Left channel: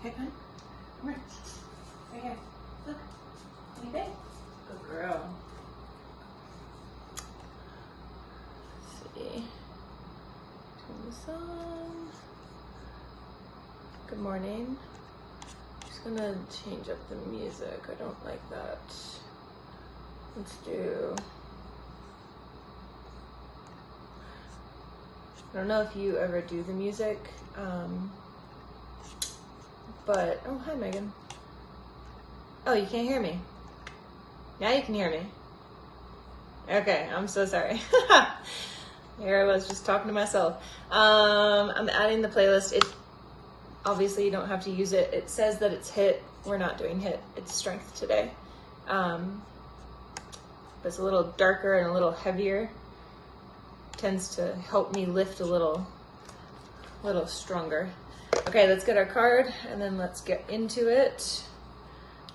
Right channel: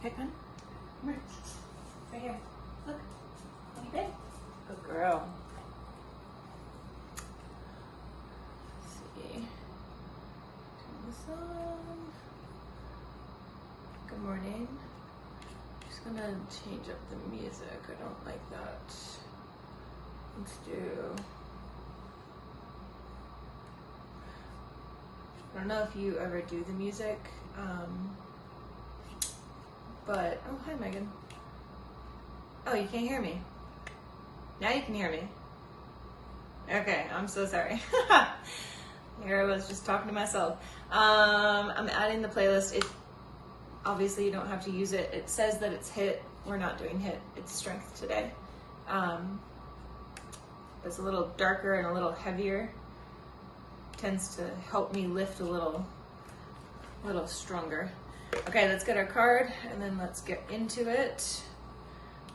Okay, come on. Come on. Right here. Look. Are you good? Good girl. Let's see. Turn this on. Good morning. Just gonna change up the music. I don't like that. Let's do. I don't know if you ever do the music, but, oh, hi Megan. Oh, you can't hear me. Now you can hear me. Okay, I'm so sorry. Here I was just talking to myself. I'm adding the playlist. It obviously you don't have to use it. It says that it's HIIT. We're not doing HIIT. It's strength today. It's a little darker and a little heavier. Tends to help me lift a little stronger. Okay, let's get our card and then let's get into it.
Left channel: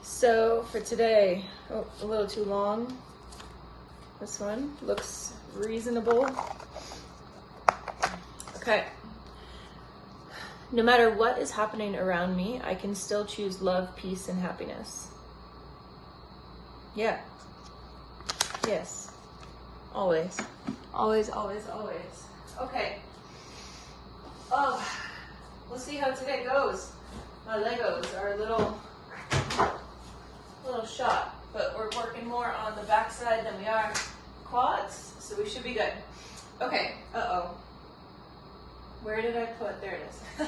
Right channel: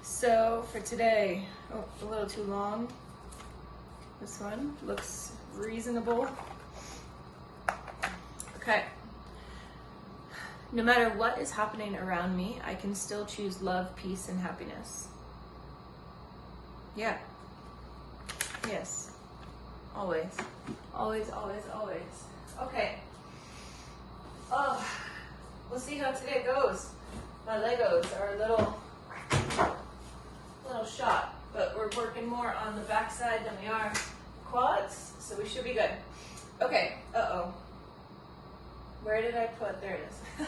So for today, oh, a little too long. This one looks reasonable. Okay. No matter what is happening around me, I can still choose love, peace, and happiness. Yeah. Yes. Always. Always, always, always. Okay. Oh, we'll see how today goes. My Legos are a little shot, but we're working more on the backside than we are quads, so we should be good. Okay, uh-oh. Where did I put, there it is.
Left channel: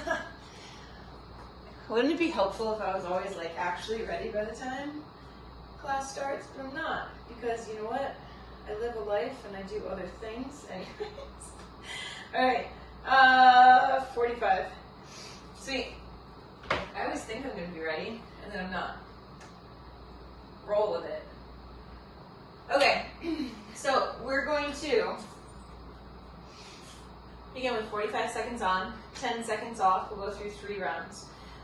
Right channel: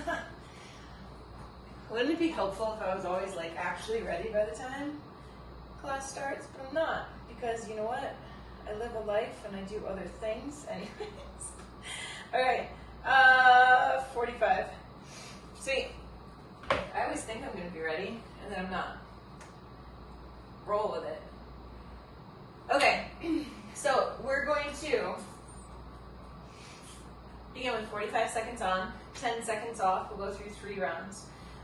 Wouldn't it be helpful if I was always like actually ready by the time class starts? But I'm not, because you know what? I live a life and I do other things anyways. All right, 45. Sweet. I always think I'm gonna be ready and then I'm not. Roll with it. Okay, so we're going to begin with 45 seconds on, 10 seconds off. We'll go through 3 rounds.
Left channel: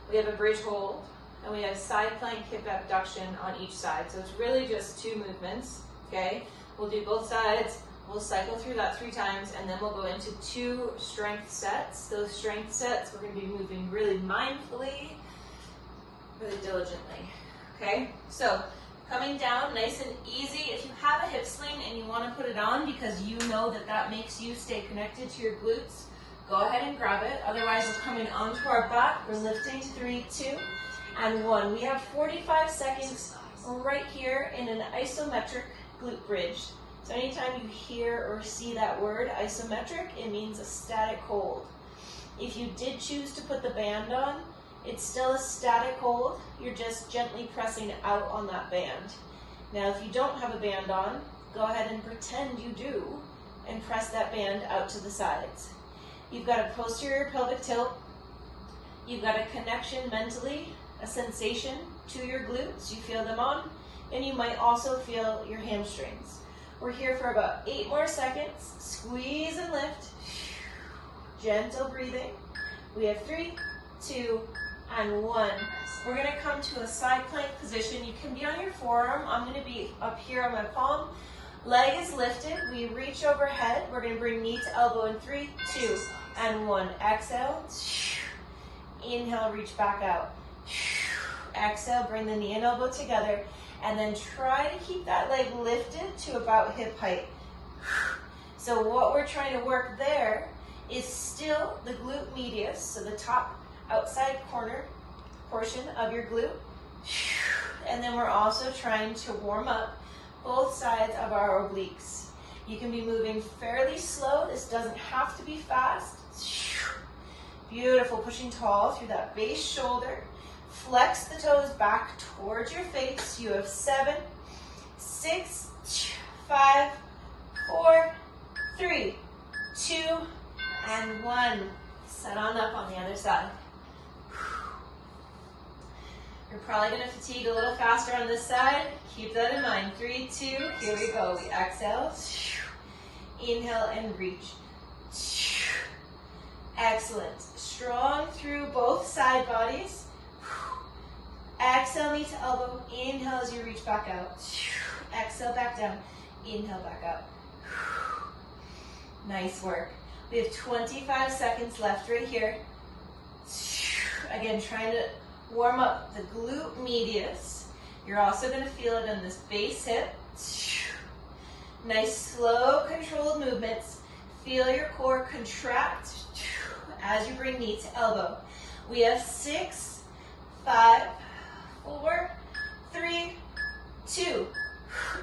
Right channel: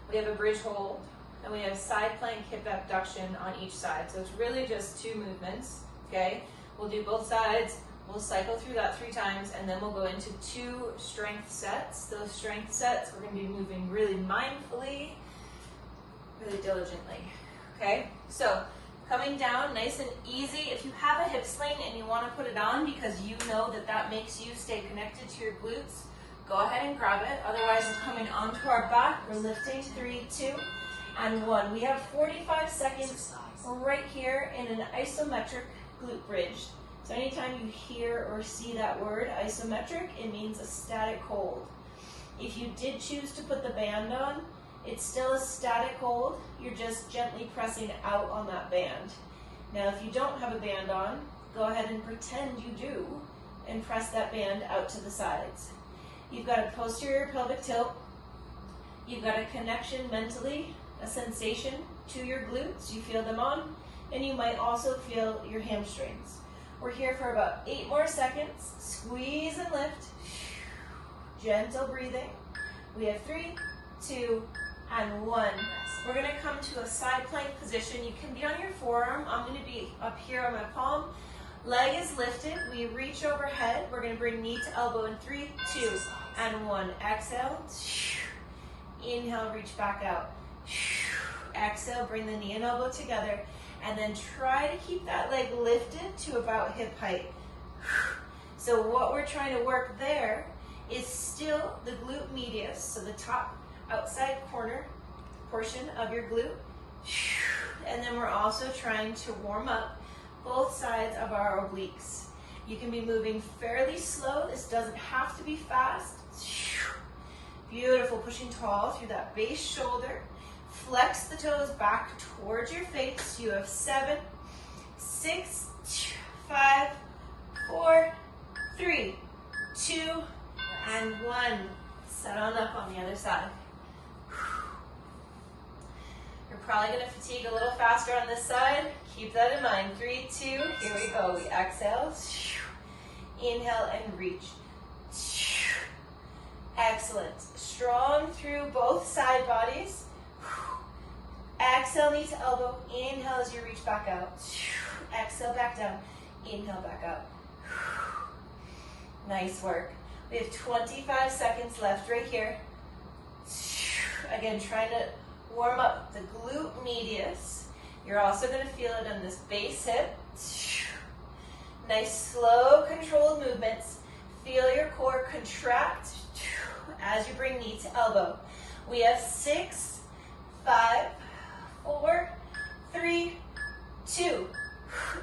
We have a bridge hold and we have side plank hip abduction on each side. So it's really just 2 movements, okay? We'll do both sides, we'll cycle through that 3 times, and then we'll go into 2 strength sets. Those strength sets, we're gonna be moving really mindfully, really diligently, okay? So, coming down nice and easy. If you have a hip sling and you wanna put it on because you know that that makes you stay connected to your glutes, go ahead and grab it. Otherwise, we're coming onto our back. We're lifting, 3, 2, and 1. We have 45 seconds right here in an isometric glute bridge. So anytime you hear or see that word isometric, it means a static hold. If you did choose to put the band on, it's still a static hold. You're just gently pressing out on that band. Now if you don't have a band on, go ahead and pretend you do and press that band out to the sides. You've got a posterior pelvic tilt. You've got a connection mentally, a sensation to your glutes. You feel them on. And you might also feel your hamstrings. We're here for about 8 more seconds. Squeeze and lift. Gentle breathing. We have 3, 2, and 1. We're gonna come to a side plank position. You can be on your forearm. I'm gonna be up here on my palm. Leg is lifted. We reach overhead. We're gonna bring knee to elbow in 3, 2, and 1. Exhale. Inhale, reach back out. Exhale, bring the knee and elbow together. And then try to keep that leg lifted to about hip height. So what we're trying to work there is still the glute medius, so the top outside corner portion of your glute. And then we're also trying to warm up both sides of our obliques. You can be moving fairly slow. This doesn't have to be fast. Beautiful, pushing tall through that base shoulder. Flex the toes back towards your face. You have 7, 6, 5, 4, 3, 2, and 1. Set on up on the other side. You're probably going to fatigue a little faster on this side. Keep that in mind. 3, 2, here we go. We exhale. Inhale and reach. Excellent. Strong through both side bodies. Exhale, knee to elbow. Inhale as you reach back out. Exhale, back down. Inhale, back up. Nice work. We have 25 seconds left right here. Again, trying to warm up the glute medius. You're also going to feel it in this base hip. Nice, slow, controlled movements. Feel your core contract as you bring knee to elbow. We have 6, 5, 4, 3, 2,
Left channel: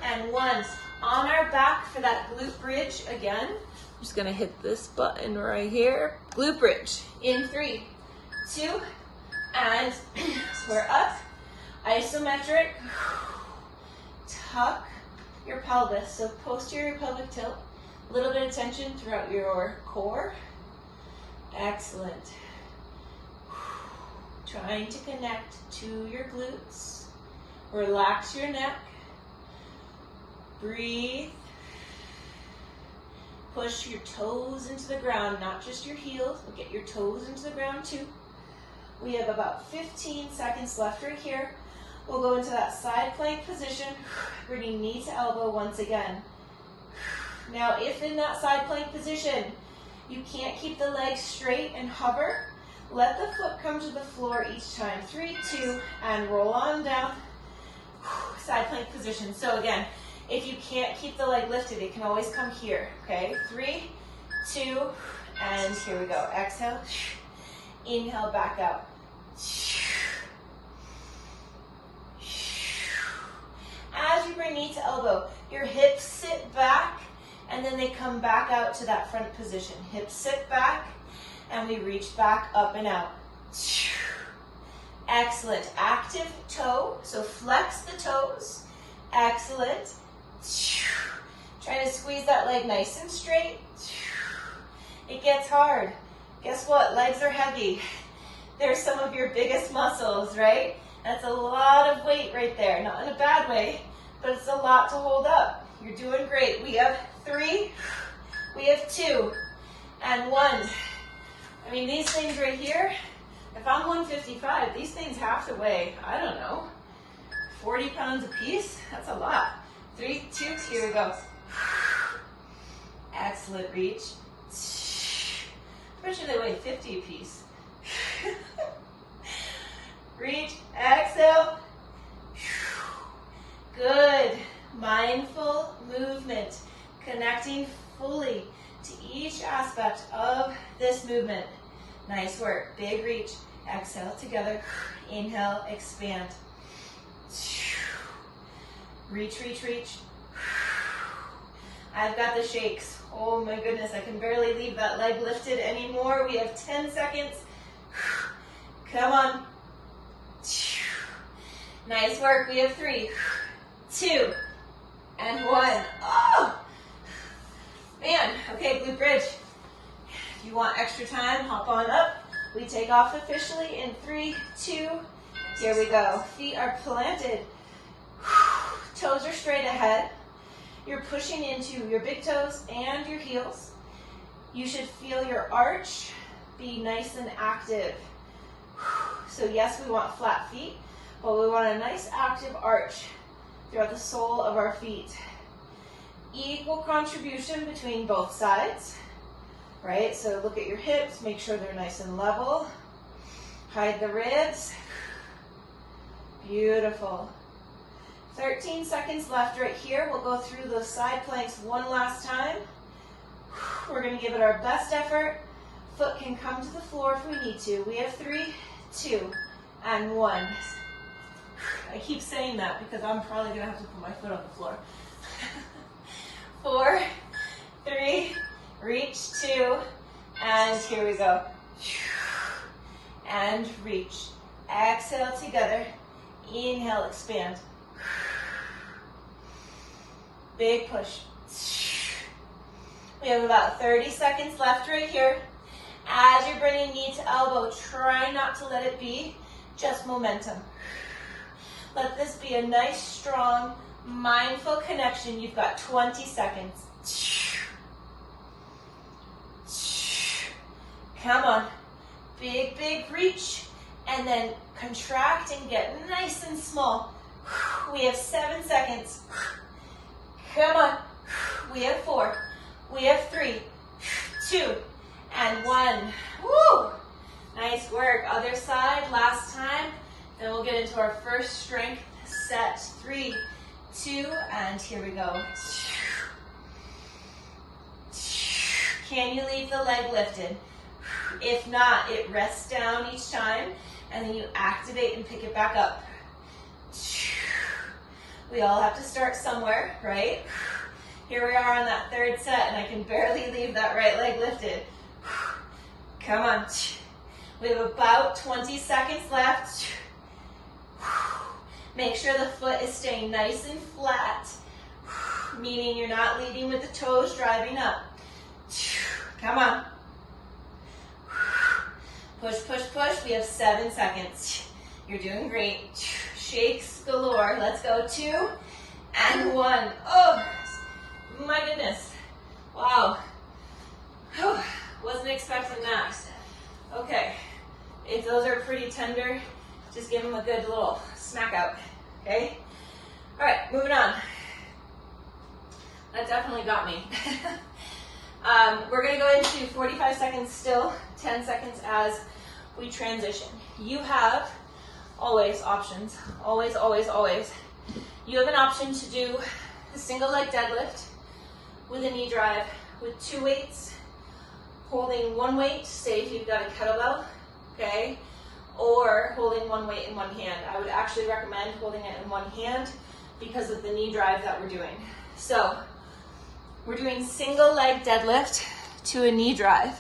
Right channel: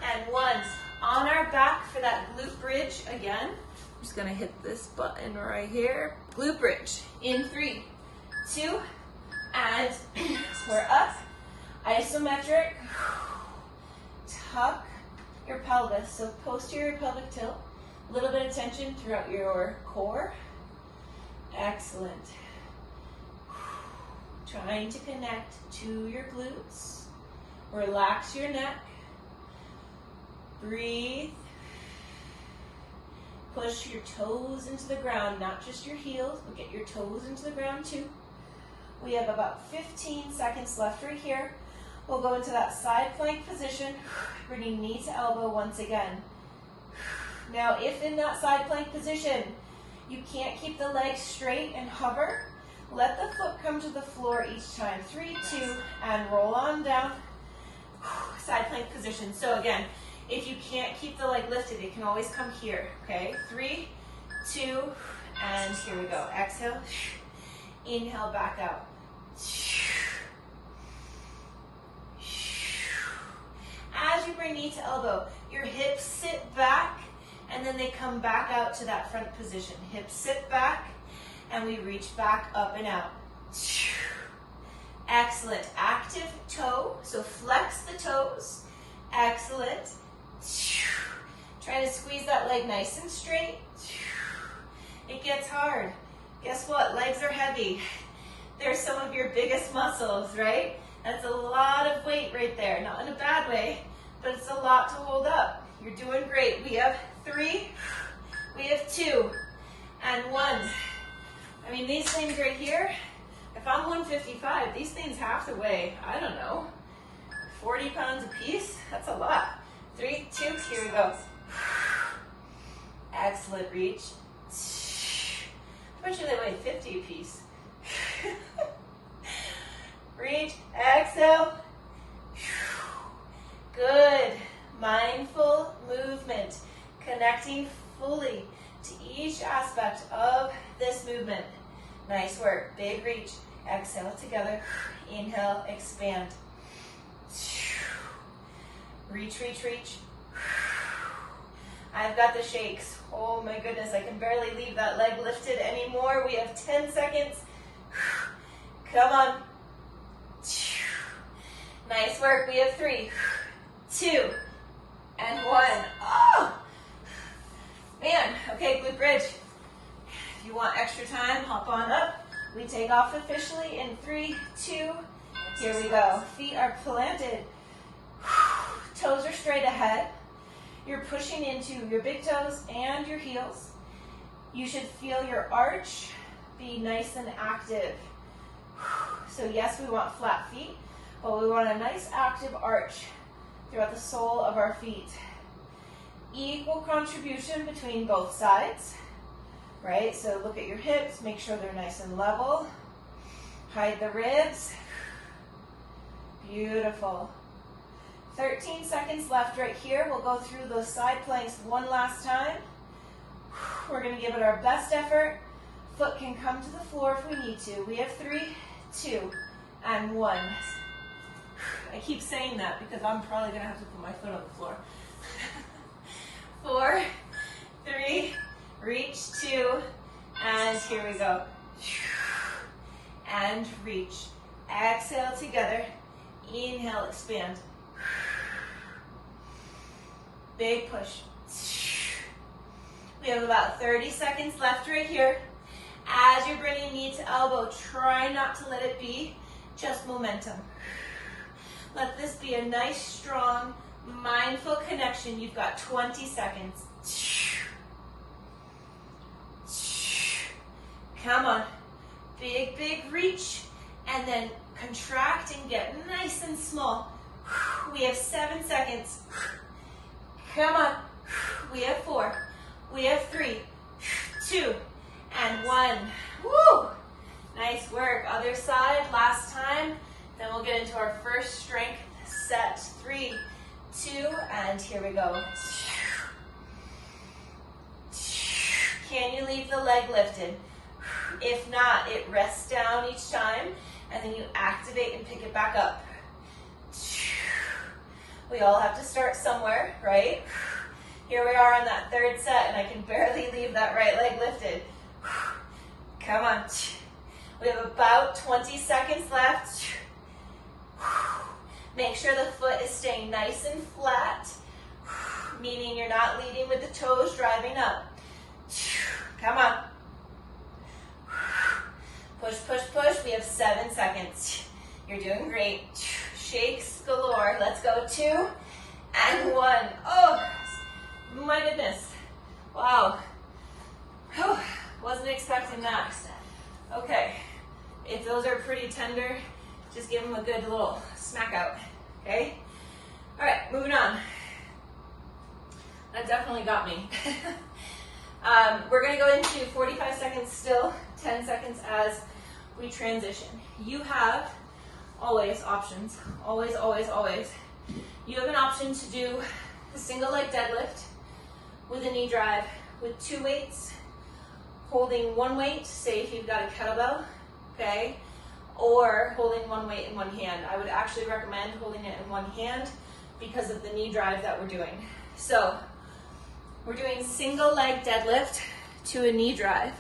and 1. On our back for that glute bridge again. I'm just gonna hit this button right here. Glute bridge in 3, 2, and we're up. Isometric. Tuck your pelvis, so posterior pelvic tilt. A little bit of tension throughout your core. Excellent. Trying to connect to your glutes. Relax your neck. Breathe. Push your toes into the ground, not just your heels, but get your toes into the ground too. We have about 15 seconds left right here. We'll go into that side plank position, bringing knee to elbow once again. Now, if in that side plank position, you can't keep the legs straight and hover, let the foot come to the floor each time. 3, 2, and roll on down. Side plank position. So again, if you can't keep the leg lifted, it can always come here, okay? 3, 2, and here we go. Exhale, inhale, back out. As you bring knee to elbow, your hips sit back, and then they come back out to that front position. Hips sit back, and we reach back up and out. Excellent. Active toe, so flex the toes. Excellent. Trying to squeeze that leg nice and straight. It gets hard. Guess what? Legs are heavy. They're some of your biggest muscles, right? That's a lot of weight right there. Not in a bad way, but it's a lot to hold up. You're doing great. We have 3, we have 2, and 1. I mean, these things right here, if I'm 155, these things have to weigh, I don't know, 40 pounds a piece? That's a lot. 3, 2, here we go. Excellent, reach. How much do they weigh? 50 a piece. Reach, exhale. Good. Mindful movement, connecting fully to each aspect of this movement. Nice work. Big reach. Exhale together. Inhale, expand. Reach, reach, reach. I've got the shakes. Oh my goodness, I can barely leave that leg lifted anymore. We have 10 seconds. Come on. Nice work. We have 3, 2, and 1. Oh! Man, okay, glute bridge. If you want extra time, hop on up. We take off officially in 3, 2, here we go. Feet are planted. Toes are straight ahead. You're pushing into your big toes and your heels. You should feel your arch be nice and active. So yes, we want flat feet, but we want a nice active arch throughout the sole of our feet. Equal contribution between both sides, right? So look at your hips, make sure they're nice and level. Hide the ribs. Beautiful. 13 seconds left right here. We'll go through those side planks one last time. We're going to give it our best effort. Foot can come to the floor if we need to. We have 3, 2, and 1. I keep saying that because I'm probably going to have to put my foot on the floor. 4, 3, reach, 2, and here we go. And reach. Exhale together. Inhale, expand. Big push. We have about 30 seconds left right here. As you're bringing knee to elbow, try not to let it be just momentum. Let this be a nice, strong, mindful connection. You've got 20 seconds. Come on. Big, big reach. And then contract and get nice and small. We have 7 seconds. Come on. We have 4. We have 3, 2, and 1. Woo! Nice work. Other side. Last time. Then we'll get into our first strength set. 3, 2, and here we go. Can you leave the leg lifted? If not, it rests down each time, and then you activate and pick it back up. We all have to start somewhere, right? Here we are on that third set, and I can barely leave that right leg lifted. Come on. We have about 20 seconds left. Make sure the foot is staying nice and flat, meaning you're not leading with the toes driving up. Come on. Push, push, push. We have 7 seconds. You're doing great. Shakes galore. Let's go. 2 and 1. Oh, my goodness. Wow. Whew. Wasn't expecting that. Okay. If those are pretty tender, just give them a good little smack out. Okay? All right, moving on. That definitely got me. We're going to go into 45 seconds still, 10 seconds as we transition. You have always options. Always, always, always. You have an option to do a single leg deadlift with a knee drive with 2 weights, holding 1 weight, say if you've got a kettlebell, okay, or holding 1 weight in 1 hand. I would actually recommend holding it in 1 hand because of the knee drive that we're doing. So we're doing single leg deadlift to a knee drive.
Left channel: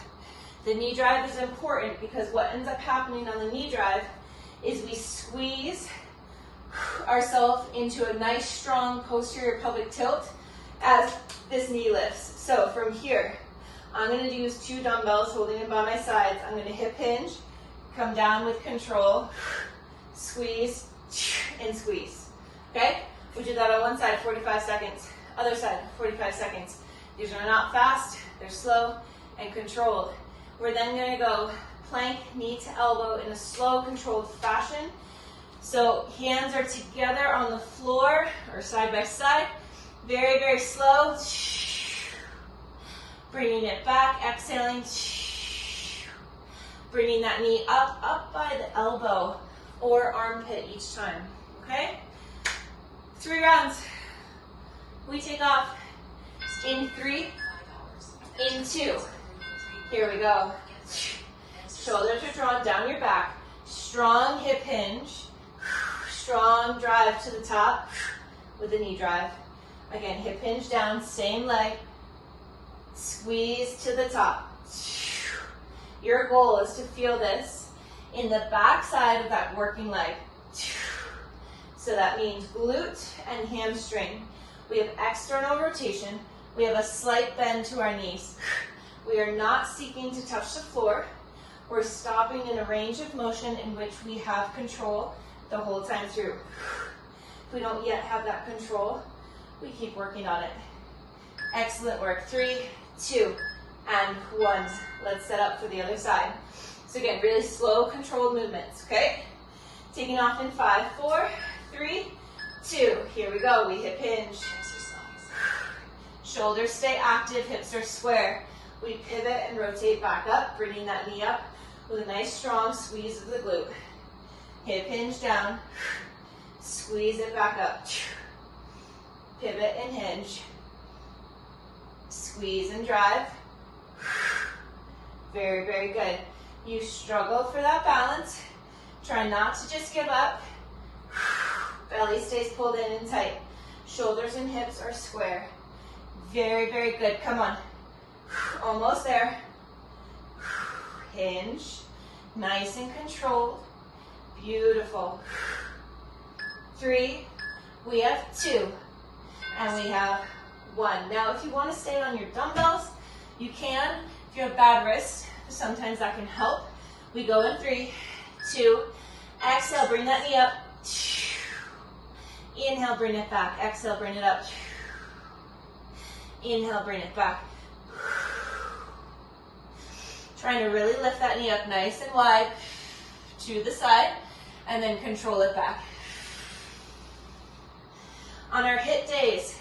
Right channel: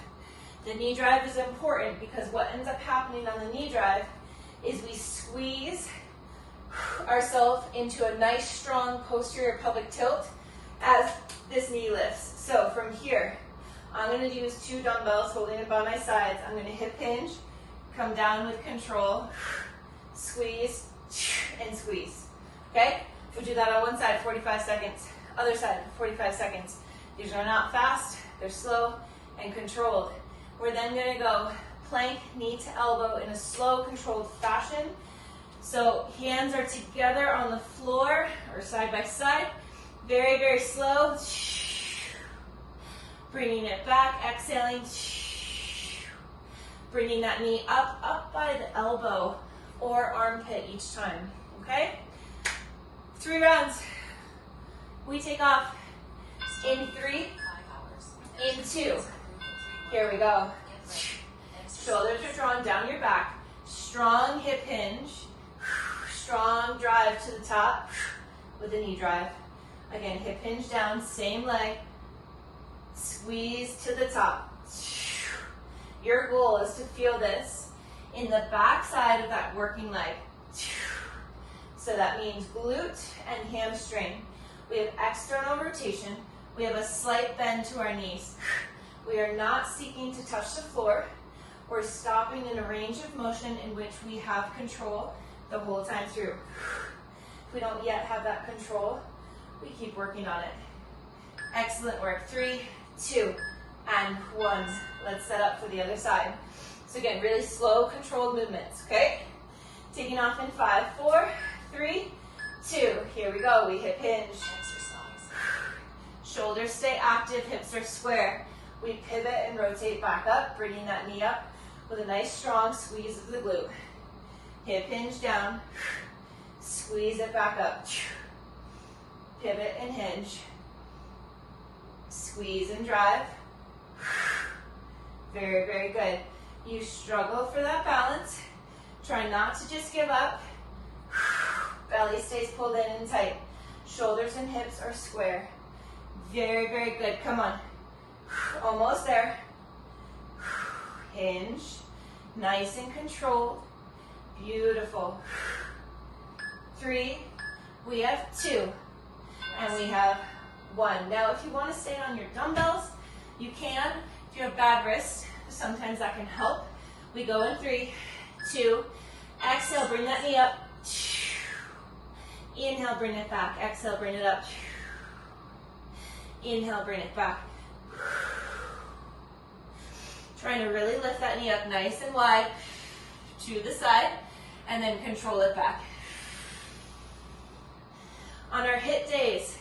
The knee drive is important because what ends up happening on the knee drive is we squeeze ourselves into a nice strong posterior pelvic tilt as this knee lifts. So from here, I'm going to use 2 dumbbells holding it by my sides. I'm going to hip hinge, come down with control, squeeze, and squeeze. Okay? We do that on one side, 45 seconds. Other side, 45 seconds. These are not fast, they're slow and controlled. We're then going to go plank, knee to elbow in a slow, controlled fashion. So hands are together on the floor or side by side. Very, very slow. Bringing it back, exhaling. Bringing that knee up by the elbow or armpit each time, okay? 3 rounds. We take off in 3, in 2. Here we go. Shoulders are drawn down your back. Strong hip hinge. Strong drive to the top with the knee drive. Again, hip hinge down, same leg. Squeeze to the top. Your goal is to feel this in the back side of that working leg. So that means glute and hamstring. We have external rotation. We have a slight bend to our knees. We are not seeking to touch the floor. We're stopping in a range of motion in which we have control the whole time through. If we don't yet have that control, we keep working on it. Excellent work. 3, 2, and 1. Let's set up for the other side. So again, really slow, controlled movements, okay? Taking off in 5, 4, 3, 2. Here we go. We hip hinge. Shoulders stay active, hips are square. We pivot and rotate back up, bringing that knee up with a nice strong squeeze of the glute. Hip hinge down, squeeze it back up. Pivot and hinge. Squeeze and drive. Very, very good. You struggle for that balance. Try not to just give up. Belly stays pulled in and tight. Shoulders and hips are square. Very, very good. Come on. Almost there. Hinge. Nice and controlled. Beautiful. 3. We have 2. And we have 1. Now, if you want to stay on your dumbbells, you can. If you have bad wrists, sometimes that can help. We go in 3, 2. Exhale, bring that knee up. Inhale, bring it back. Exhale, bring it up. Inhale, bring it back. Trying to really lift that knee up nice and wide to the side and then control it back. On our hit days,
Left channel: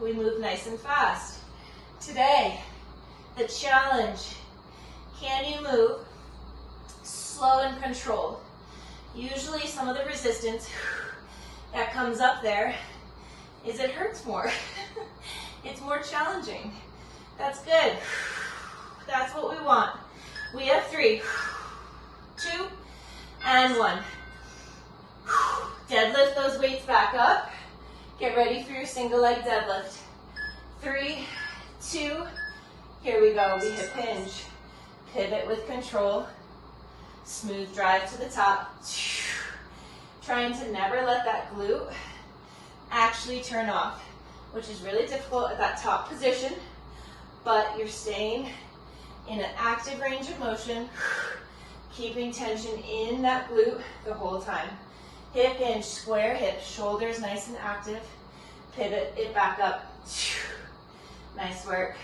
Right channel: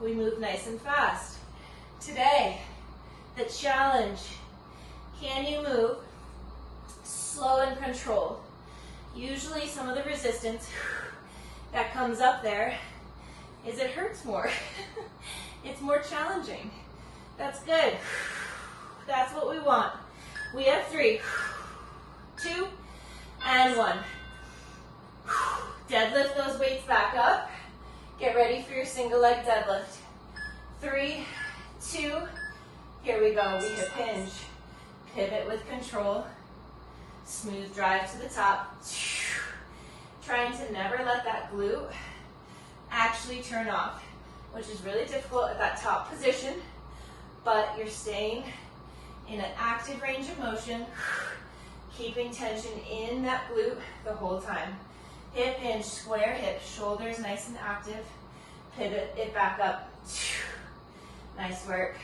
we move nice and fast. Today, the challenge, can you move slow and controlled? Usually some of the resistance that comes up there is it hurts more. It's more challenging. That's good. That's what we want. We have 3, 2, and 1. Deadlift those weights back up. Get ready for your single leg deadlift. 3, 2, here we go. We hip hinge. Pivot with control. Smooth drive to the top. Trying to never let that glute actually turn off, which is really difficult at that top position, but you're staying in an active range of motion, keeping tension in that glute the whole time. Hip hinge, square hips, shoulders nice and active. Pivot it back up. Nice work.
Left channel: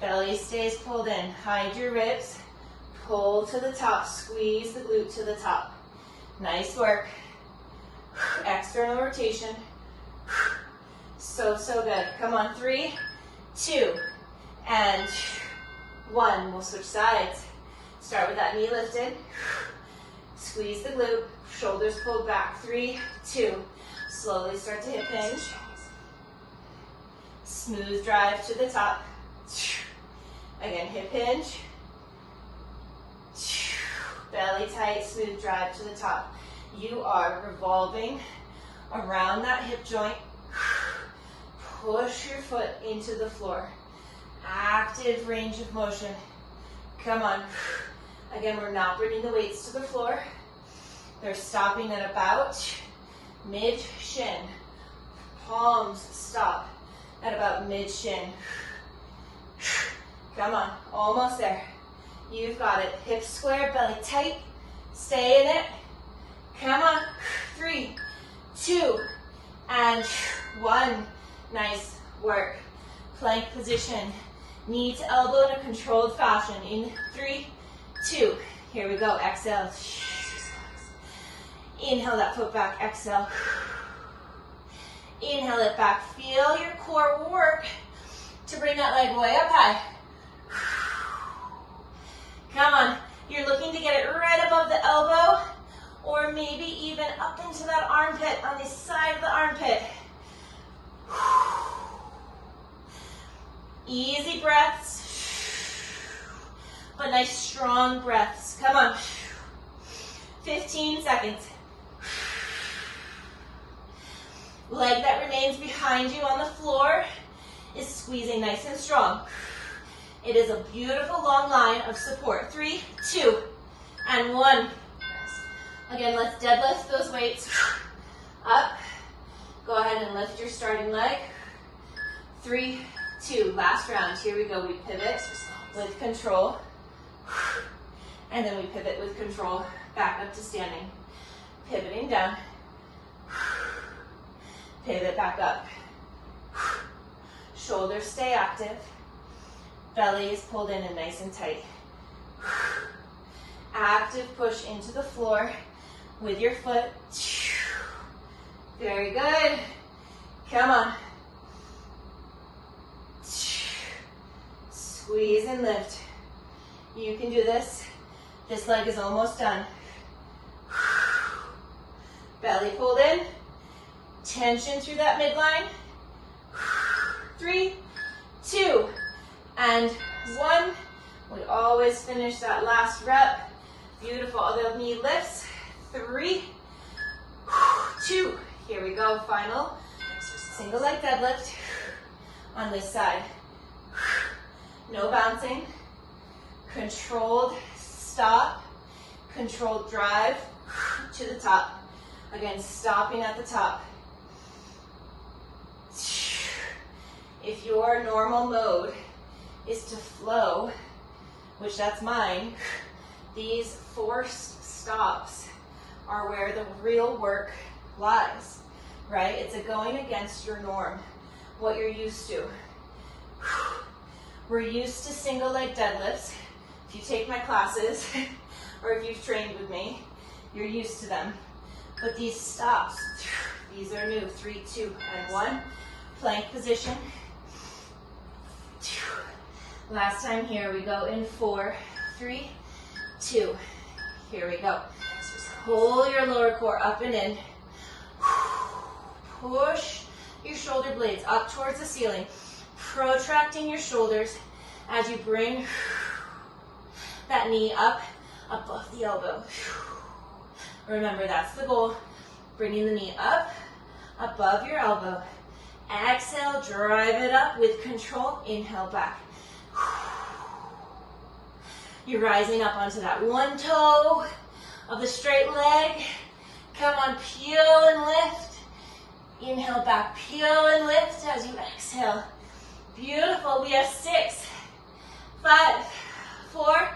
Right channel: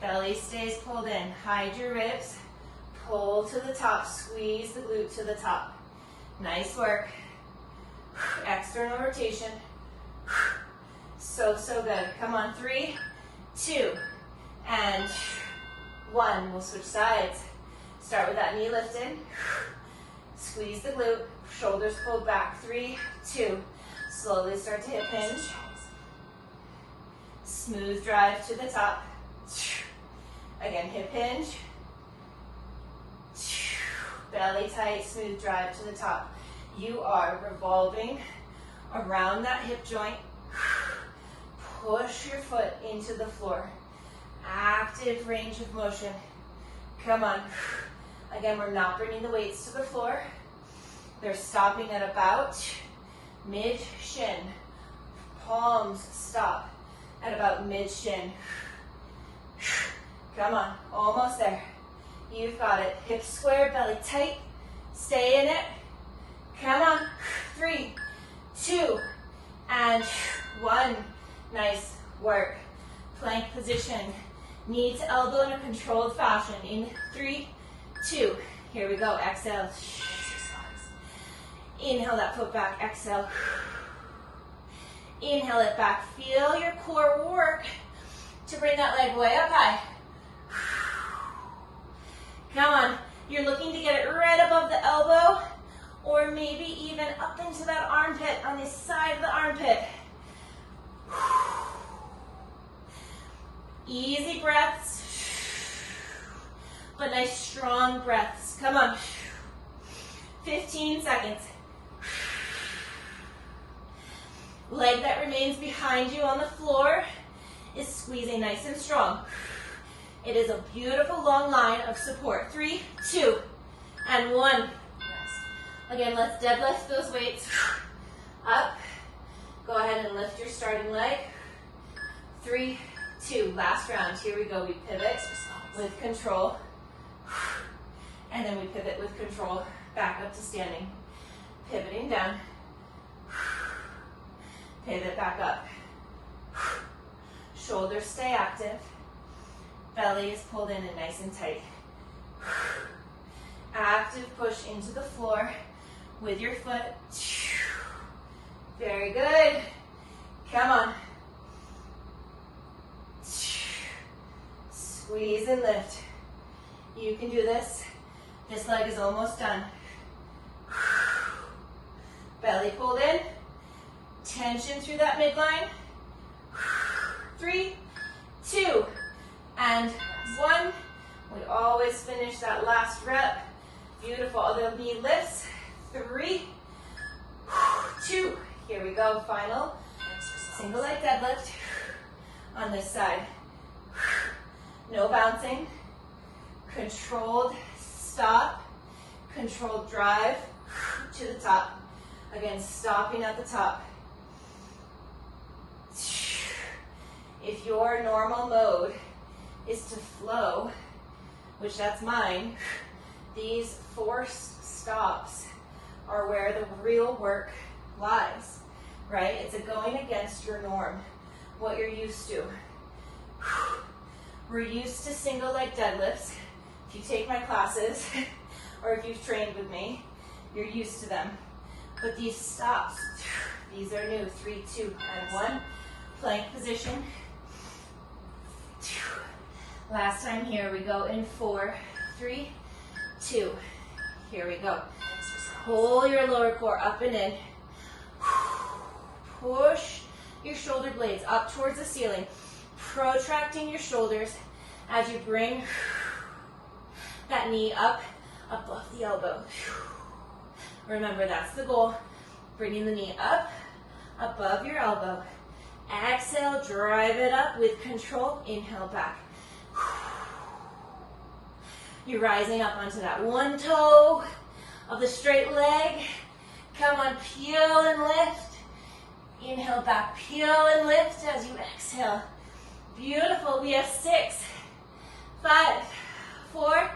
Belly stays pulled in. Hide your ribs. Pull to the top. Squeeze the glute to the top. Nice work. External rotation. So good. Come on, 3, 2, and 1. We'll switch sides. Start with that knee lifted. Squeeze the glute. Shoulders pulled back. 3, 2. Slowly start to hip hinge. Smooth drive to the top. Again, hip hinge. Belly tight, smooth drive to the top. You are revolving around that hip joint. Push your foot into the floor. Active range of motion. Come on. Again, we're not bringing the weights to the floor. They're stopping at about mid-shin. Palms stop at about mid-shin. Come on, almost there. You've got it. Hips square, belly tight. Stay in it. Come on. 3, 2, and 1. Nice work. Plank position. Knee to elbow in a controlled fashion. In 3, 2. Here we go. Exhale. Inhale that foot back. Exhale. Inhale it back. Feel your core work to bring that leg way up high. Come on. You're looking to get it right above the elbow, or maybe even up into that armpit, on the side of the armpit. Easy breaths, but nice strong breaths. Come on. 15 seconds. Leg that remains behind you on the floor is squeezing nice and strong. It is a beautiful long line of support. 3, 2, and 1. Again, let's deadlift those weights up. Go ahead and lift your starting leg. 3, 2, last round. Here we go. We pivot with control. And then we pivot with control back up to standing. Pivoting down. Pivot back up. Shoulders stay active. Belly is pulled in and nice and tight. Active push into the floor with your foot. Very good. Come on. Squeeze and lift. You can do this. This leg is almost done. Belly pulled in. Tension through that midline. 3, 2, and 1. We always finish that last rep. Beautiful. Other knee lifts. 3, 2. Here we go. Final single leg deadlift on this side. No bouncing. Controlled stop. Controlled drive to the top. Again, stopping at the top. If your normal mode is to flow, which that's mine, these forced stops are where the real work lies, right? It's a going against your norm, what you're used to. We're used to single leg deadlifts. If you take my classes, or if you've trained with me, you're used to them. But these stops, these are new. 3, 2, and 1. Plank position. Last time, here we go in 4, 3, 2. Here we go. Pull your lower core up and in. Push your shoulder blades up towards the ceiling, protracting your shoulders as you bring that knee up above the elbow. Remember, that's the goal. Bringing the knee up above your elbow. Exhale, drive it up with control. Inhale back. You're rising up onto that one toe of the straight leg. Come on, peel and lift. Inhale back, peel and lift as you exhale. Beautiful. We have 6, 5, 4,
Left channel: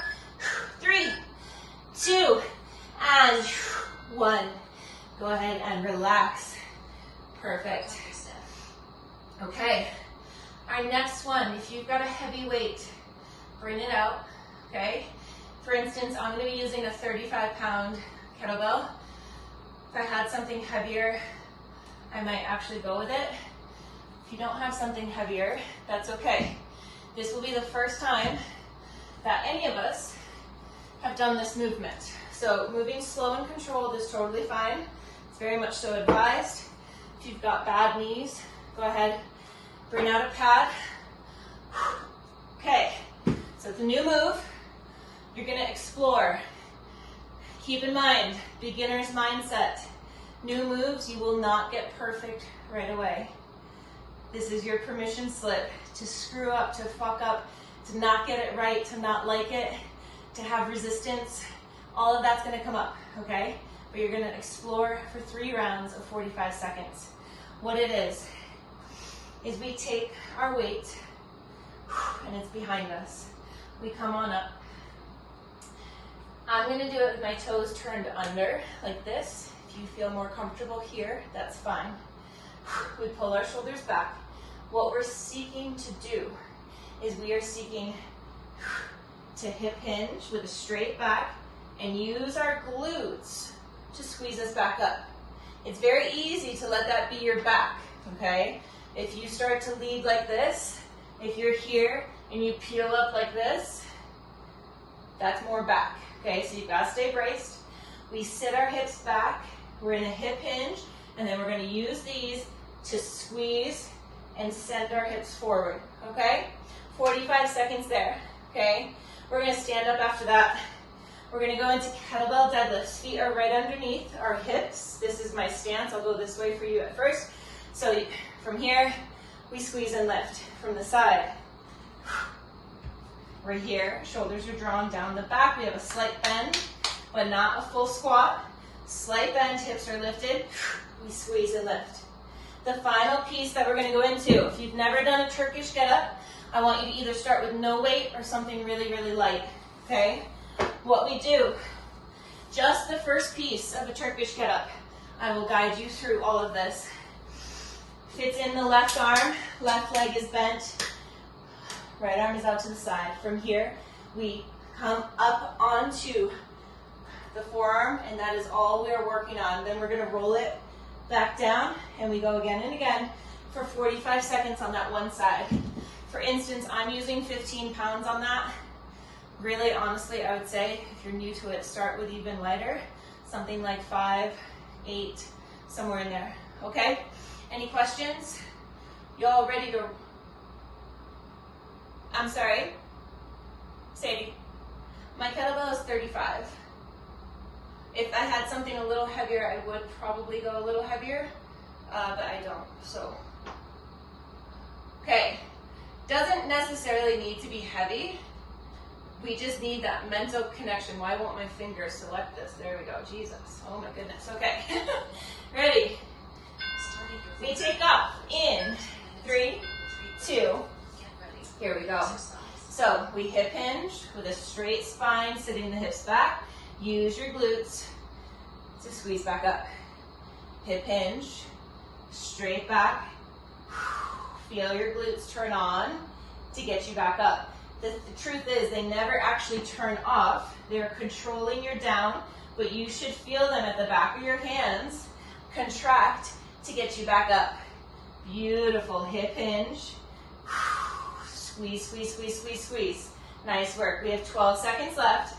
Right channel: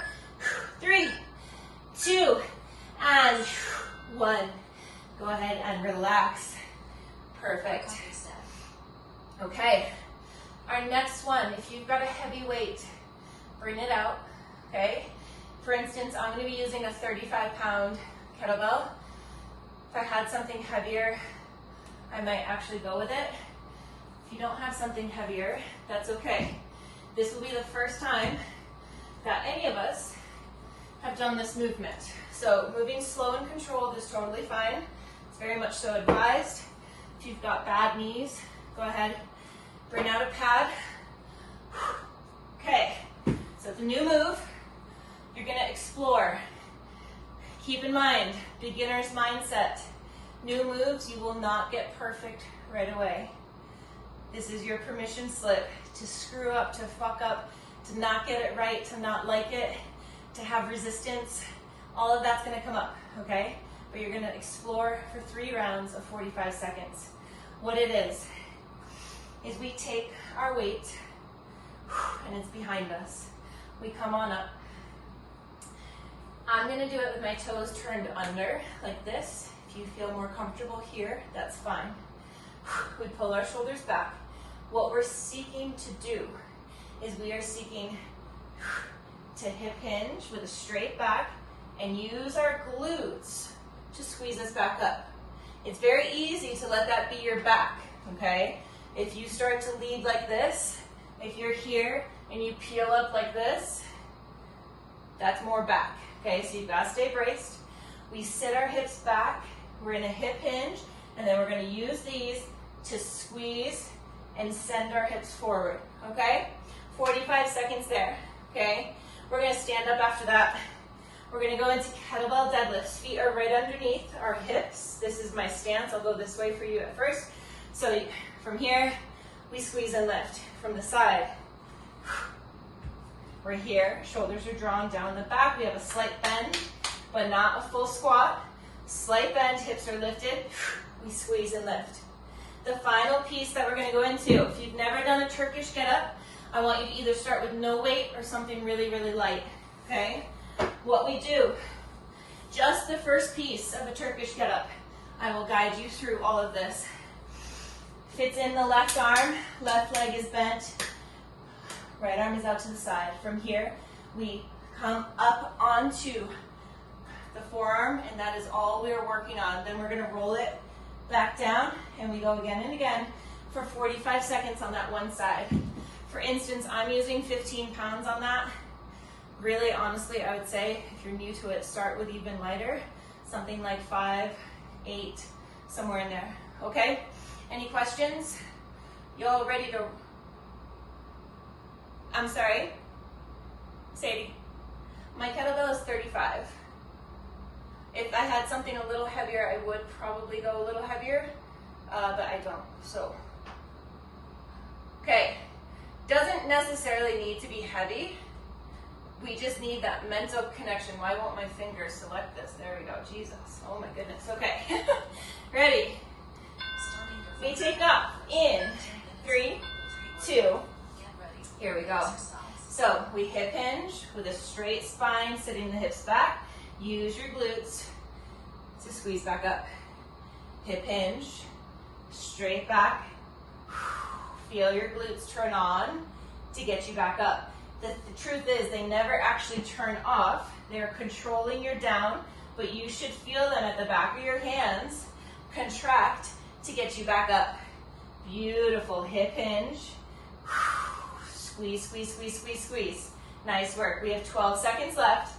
3, 2, and 1. Go ahead and relax. Perfect. Okay. Our next one, if you've got a heavy weight, bring it out. Okay. For instance, I'm going to be using a 35-pound kettlebell. If I had something heavier, I might actually go with it. If you don't have something heavier, that's okay. This will be the first time that any of us have done this movement. So moving slow and controlled is totally fine. It's very much so advised. If you've got bad knees, go ahead, bring out a pad. Okay, so it's a new move. You're gonna explore. Keep in mind, beginner's mindset. New moves, you will not get perfect right away. This is your permission slip to screw up, to fuck up, to not get it right, to not like it, to have resistance. All of that's gonna come up, okay? But you're gonna explore for 3 rounds of 45 seconds. What it is we take our weight, and it's behind us. We come on up. I'm gonna do it with my toes turned under, like this. If you feel more comfortable here, that's fine. We pull our shoulders back. What we're seeking to do is we are seeking to hip hinge with a straight back and use our glutes to squeeze us back up. It's very easy to let that be your back, okay? If you start to lead like this, if you're here and you peel up like this, that's more back, okay? So you've got to stay braced. We sit our hips back. We're in a hip hinge, and then we're going to use these to squeeze and send our hips forward, okay? 45 seconds there, okay? We're going to stand up after that. We're going to go into kettlebell deadlifts. Feet are right underneath our hips. This is my stance. I'll go this way for you at first. So from here, we squeeze and lift. From the side, we're here. Shoulders are drawn down the back. We have a slight bend, but not a full squat. Slight bend, hips are lifted. We squeeze and lift. The final piece that we're going to go into, if you've never done a Turkish get-up, I want you to either start with no weight or something really, really light, okay? What we do, just the first piece of a Turkish get-up, I will guide you through all of this. Fits in the left arm, left leg is bent, right arm is out to the side. From here, we come up onto the forearm, and that is all we are working on. Then we're going to roll it back down, and we go again and again for 45 seconds on that one side. For instance, I'm using 15 pounds on that. Really, honestly, I would say, if you're new to it, start with even lighter, something like 5, 8, somewhere in there, okay? Any questions? Y'all ready to, I'm sorry, Sadie, my kettlebell is 35. If I had something a little heavier, I would probably go a little heavier, but I don't, so. Okay, doesn't necessarily need to be heavy. We just need that mental connection. Why won't my finger select this? There we go, Jesus, oh my goodness, okay. Ready? We take up in 3, 2, here we go. So we hip hinge with a straight spine, sitting the hips back. Use your glutes to squeeze back up. Hip hinge, straight back. Feel your glutes turn on to get you back up. The truth is they never actually turn off. They're controlling your down, but you should feel them at the back of your hands contract to get you back up. Beautiful. Hip hinge. Squeeze, squeeze, squeeze, squeeze, squeeze. Nice work. We have 12 seconds left.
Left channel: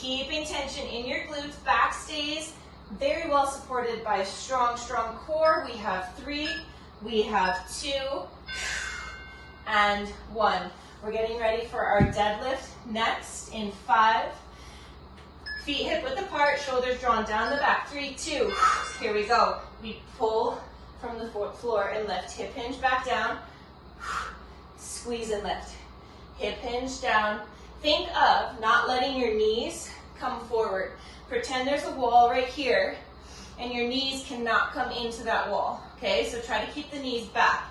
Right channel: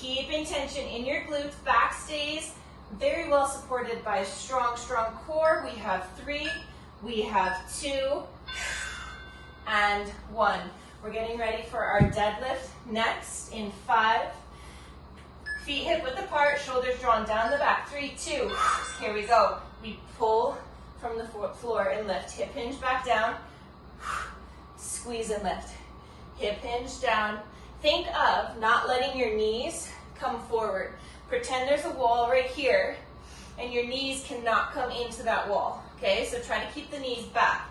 Keeping tension in your glutes, back stays very well supported by a strong, strong core. We have 3, we have 2, and 1. We're getting ready for our deadlift next in 5. Feet hip width apart, shoulders drawn down the back. 3, 2, here we go. We pull from the floor and lift. Hip hinge back down, squeeze and lift. Hip hinge down. Think of not letting your knees come forward. Pretend there's a wall right here and your knees cannot come into that wall. Okay, so try to keep the knees back.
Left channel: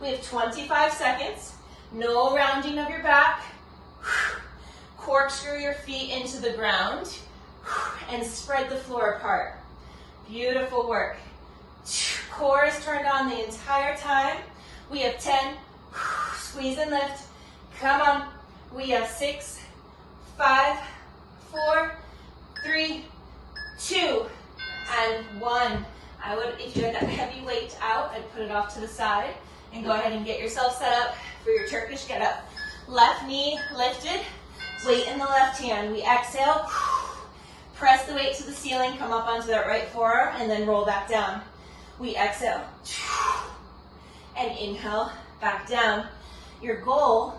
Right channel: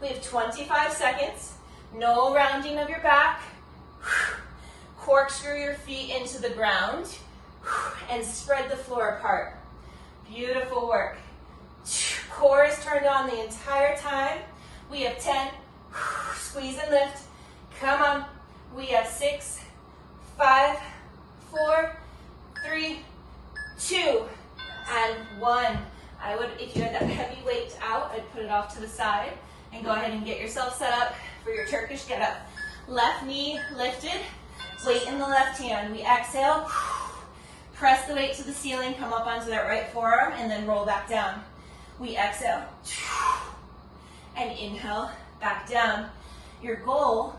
We have 25 seconds. No rounding of your back. Corkscrew your feet into the ground and spread the floor apart. Beautiful work. Core is turned on the entire time. We have 10. Squeeze and lift. Come on. We have 6, 5, 4, 3, 2, and 1. I would, if you had that heavy weight out, I'd put it off to the side and go ahead and get yourself set up for your Turkish get up. Left knee lifted, weight in the left hand. We exhale, press the weight to the ceiling, come up onto that right forearm, and then roll back down. We exhale, and inhale, back down. Your goal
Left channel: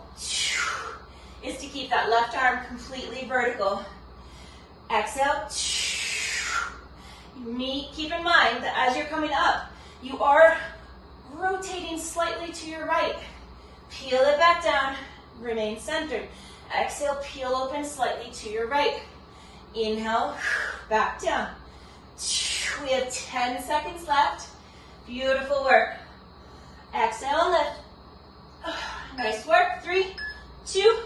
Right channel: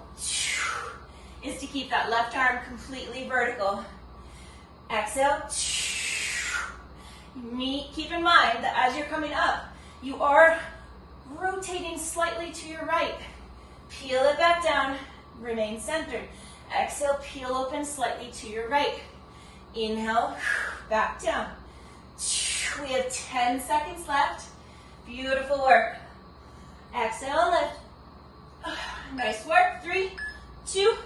is to keep that left arm completely vertical. Exhale. Keep in mind that as you're coming up, you are rotating slightly to your right. Peel it back down, remain centered. Exhale, peel open slightly to your right. Inhale, back down. We have 10 seconds left. Beautiful work. Exhale and lift. Nice work. 3, 2,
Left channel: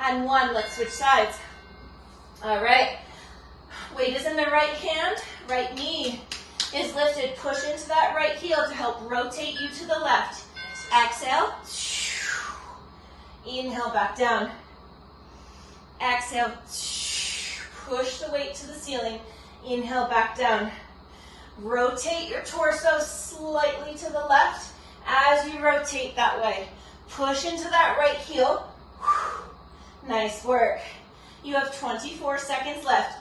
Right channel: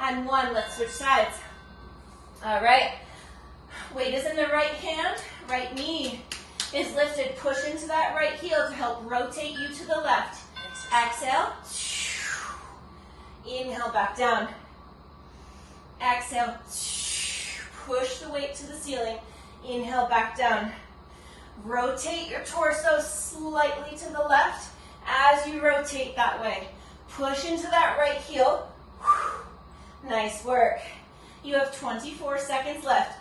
and 1. Let's switch sides. All right. Weight is in the right hand. Right knee is lifted. Push into that right heel to help rotate you to the left. Exhale. Inhale, back down. Exhale. Push the weight to the ceiling. Inhale, back down. Rotate your torso slightly to the left as you rotate that way. Push into that right heel. Nice work. You have 24 seconds left.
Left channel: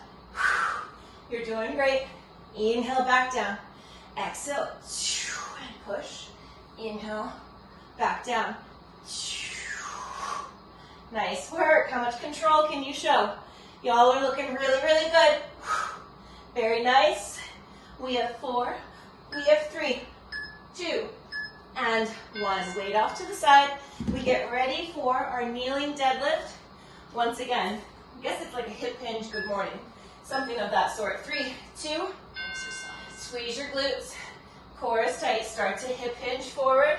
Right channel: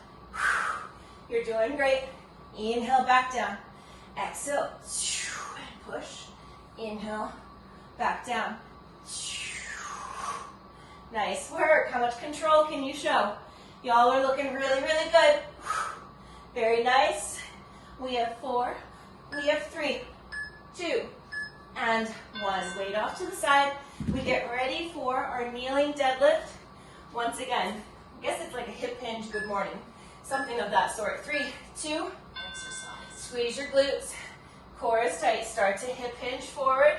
You're doing great. Inhale, back down. Exhale. And push. Inhale, back down. Nice work. How much control can you show? Y'all are looking really, really good. Very nice. We have 4. We have 3, 2, and 1. Weight off to the side. We get ready for our kneeling deadlift. Once again, I guess it's like a hip hinge good morning. Something of that sort. 3, 2, squeeze your glutes. Core is tight. Start to hip hinge forward.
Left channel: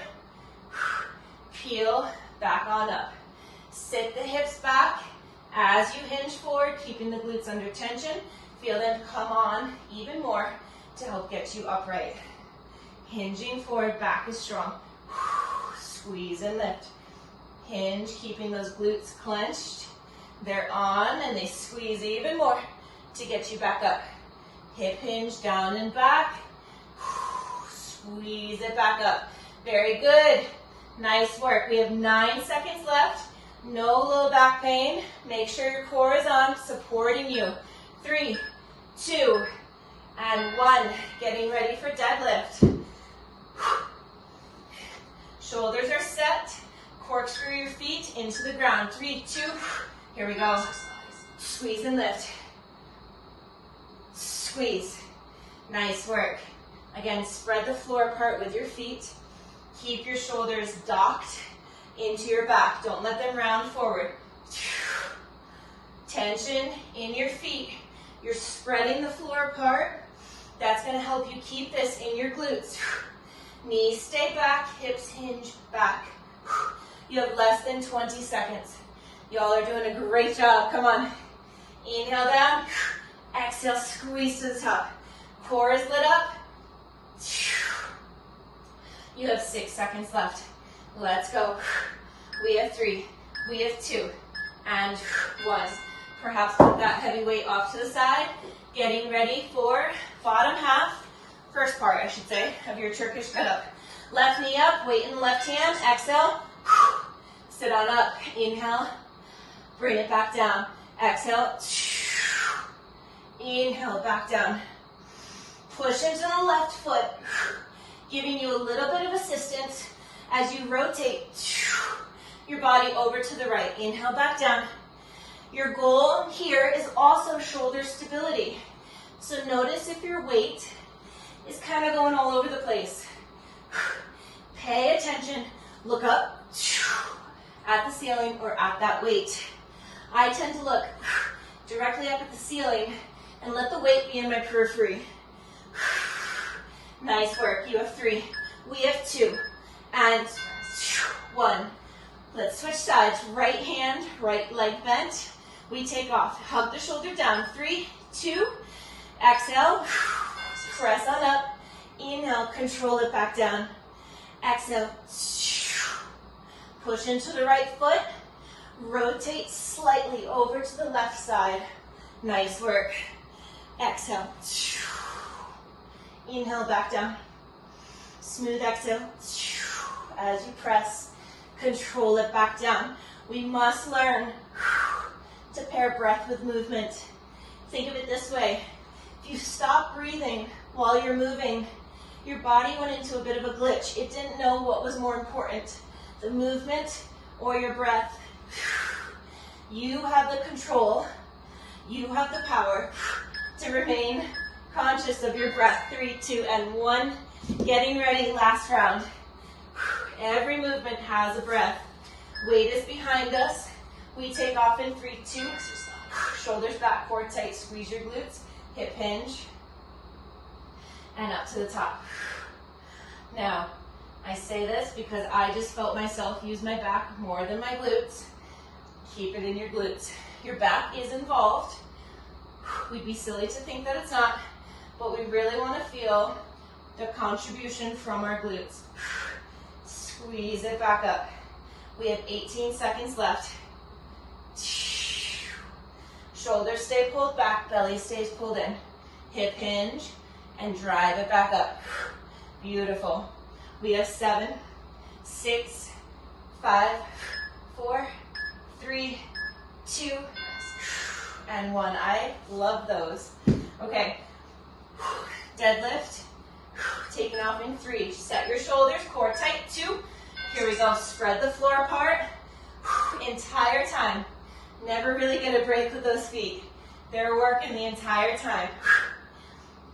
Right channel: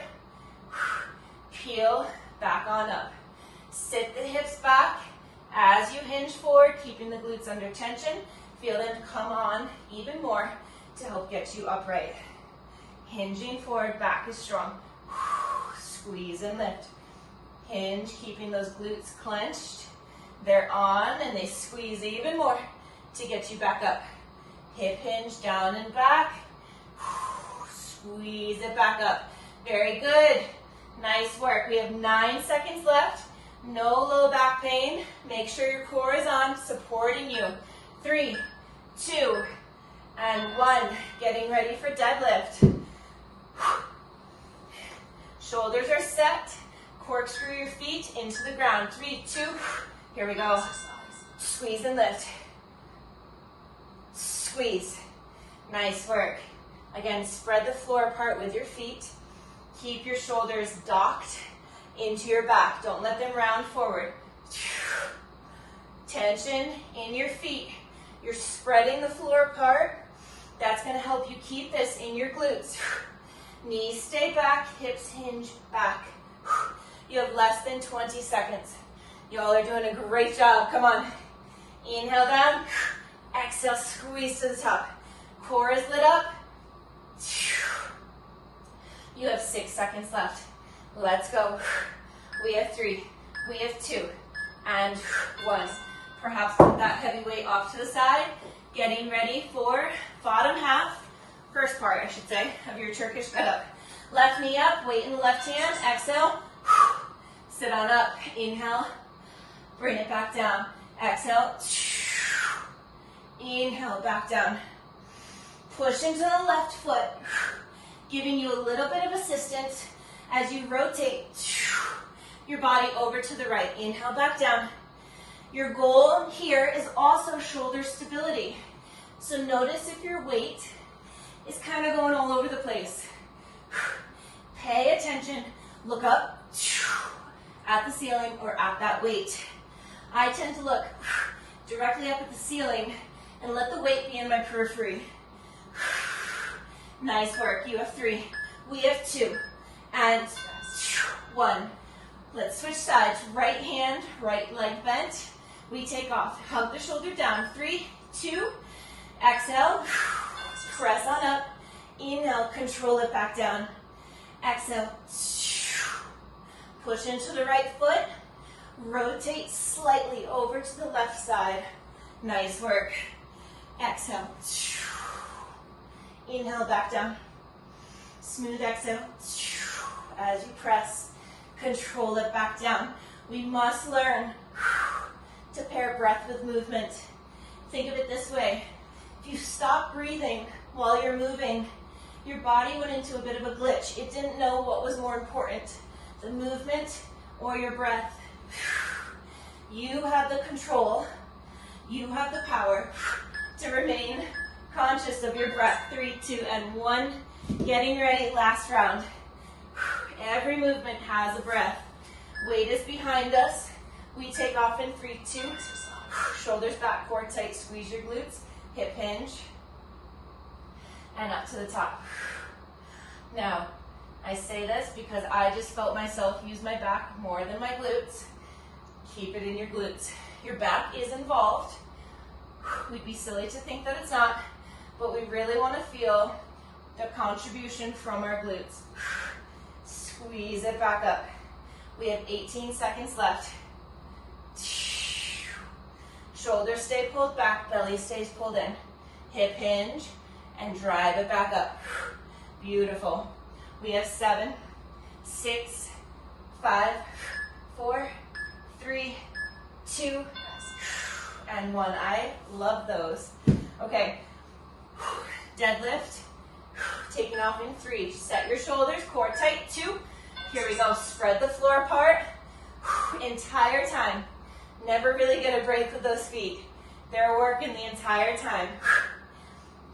Peel back on up. Sit the hips back as you hinge forward, keeping the glutes under tension. Feel them come on even more to help get you upright. Hinging forward, back is strong. Squeeze and lift. Hinge, keeping those glutes clenched. They're on and they squeeze even more to get you back up. Hip hinge, down and back. Squeeze it back up. Very good. Nice work. We have 9 seconds left. No low back pain. Make sure your core is on, supporting you. 3, 2, and 1. Getting ready for deadlift. Shoulders are set. Corkscrew your feet into the ground. 3, 2, here we go. Squeeze and lift. Squeeze. Nice work. Again, spread the floor apart with your feet. Keep your shoulders docked into your back. Don't let them round forward. Tension in your feet. You're spreading the floor apart. That's going to help you keep this in your glutes. Knees stay back, hips hinge back. You have less than 20 seconds. Y'all are doing a great job. Come on. Inhale down. Exhale, squeeze to the top. Core is lit up. You have 6 seconds left. Let's go. We have 3. We have 2. And 1. Perhaps put that heavy weight off to the side. Getting ready for bottom half, first part I should say, of your Turkish get up. Left knee up, weight in the left hand. Exhale. Sit on up. Inhale. Bring it back down. Exhale. Inhale, back down. Push into the left foot, giving you a little bit of assistance as you rotate your body over to the right. Inhale, back down. Your goal here is also shoulder stability. So notice if your weight is kind of going all over the place. Pay attention, look up at the ceiling or at that weight. I tend to look directly up at the ceiling and let the weight be in my periphery. Nice work. You have 3. We have 2. And 1. Let's switch sides. Right hand, right leg bent. We take off. Hug the shoulder down. 3, 2. Exhale. Press on up. Inhale. Control it back down. Exhale. Push into the right foot. Rotate slightly over to the left side. Nice work. Exhale. Inhale, back down. Smooth exhale. As you press, control it back down. We must learn to pair breath with movement. Think of it this way. If you stop breathing while you're moving, your body went into a bit of a glitch. It didn't know what was more important, the movement or your breath. You have the control, you have the power to remain conscious of your breath. 3, 2, and 1. Getting ready, last round. Every movement has a breath. Weight is behind us. We take off in 3, 2. Shoulders back, core tight, squeeze your glutes. Hip hinge. And up to the top. Now, I say this because I just felt myself use my back more than my glutes. Keep it in your glutes. Your back is involved. We'd be silly to think that it's not, but we really want to feel the contribution from our glutes. Squeeze it back up. We have 18 seconds left. Shoulders stay pulled back, belly stays pulled in. Hip hinge and drive it back up. Beautiful. We have 7, 6, 5, 4, 3, 2, and 1. I love those. Okay. Deadlift. Taking off in 3. Set your shoulders, core tight. 2. Here we go. Spread the floor apart. Entire time. Never really get a break with those feet. They're working the entire time.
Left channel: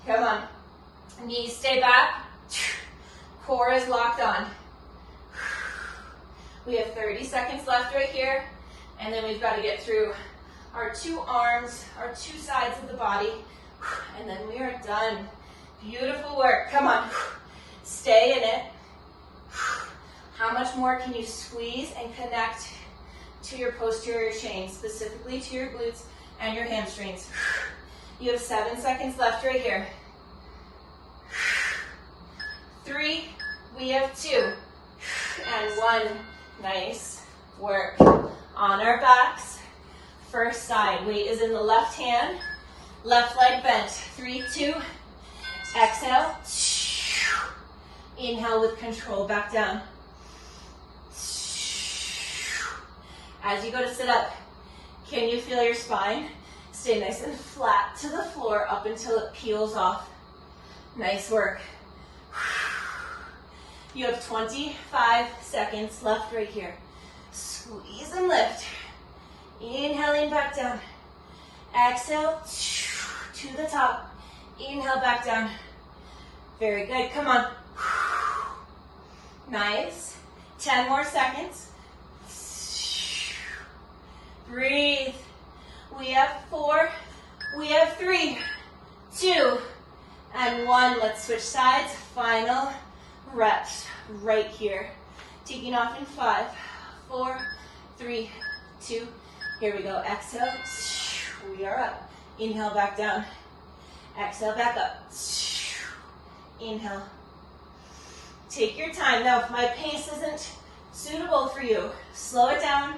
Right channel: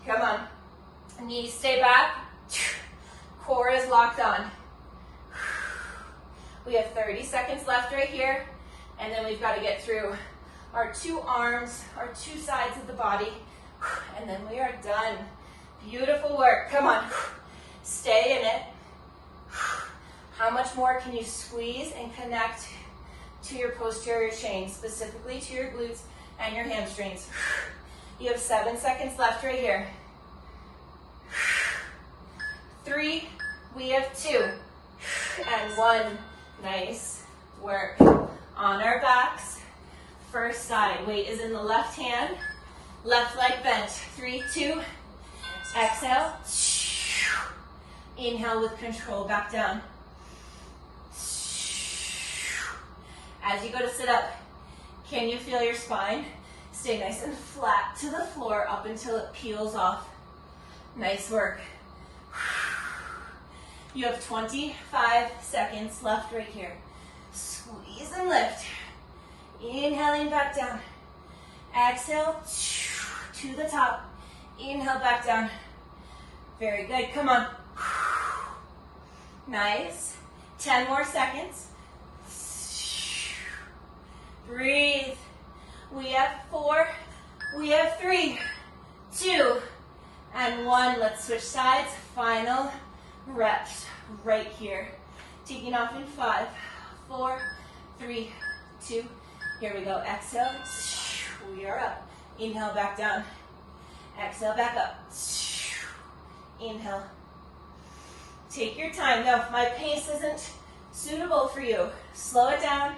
Come on. Knees stay back. Core is locked on. We have 30 seconds left right here. And then we've got to get through our 2 arms, our 2 sides of the body. And then we are done. Beautiful work. Come on. Stay in it. How much more can you squeeze and connect to your posterior chain, specifically to your glutes and your hamstrings? You have 7 seconds left right here. 3, we have 2, and 1. Nice work. On our backs, first side. Weight is in the left hand, left leg bent. 3, 2, exhale. Inhale with control, back down. As you go to sit up, can you feel your spine? Stay nice and flat to the floor up until it peels off. Nice work. You have 25 seconds left right here. Squeeze and lift. Inhaling back down. Exhale to the top. Inhale back down. Very good. Come on. Nice. 10 more seconds. Breathe. We have 4. We have 3, 2, and 1. Let's switch sides. Final reps right here. Taking off in 5, 4, 3, 2. Here we go. Exhale. We are up. Inhale back down. Exhale back up. Inhale. Take your time. Now, if my pace isn't suitable for you, slow it down,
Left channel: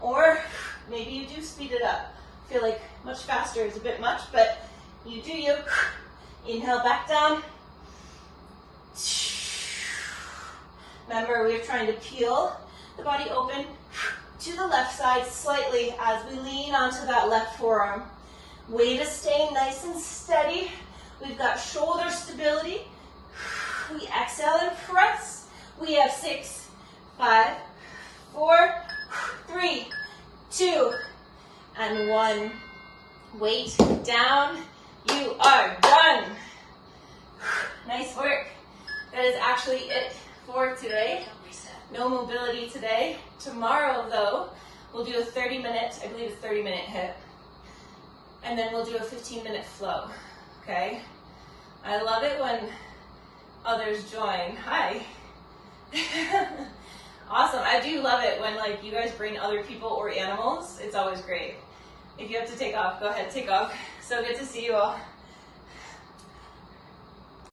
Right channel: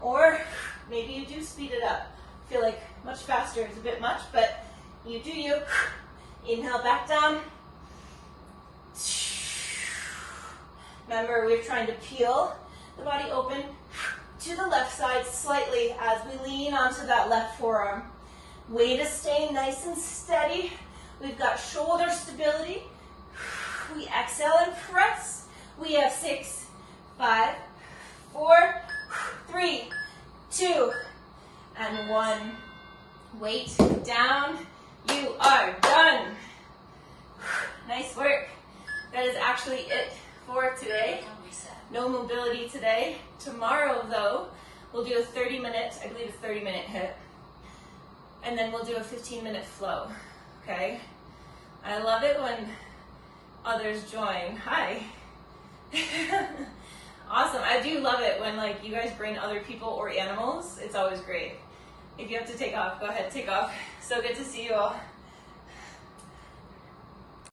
or maybe you do speed it up. I feel like much faster is a bit much, but you do you. Inhale back down. Remember, we're trying to peel the body open. to the left side slightly as we lean onto that left forearm. Way to stay nice and steady. We've got shoulder stability. We exhale and press. We have 6, 5, 4, 3, 2, and 1. Weight down. You are done. Nice work. That is actually it for today. No mobility today. Tomorrow, though, we'll do a 30-minute, I believe it's 30-minute hit. And then we'll do a 15-minute flow, okay? I love it when others join. Hi. Awesome. I do love it when like you guys bring other people or animals. It's always great. If you have to take off, go ahead, take off. So good to see you all.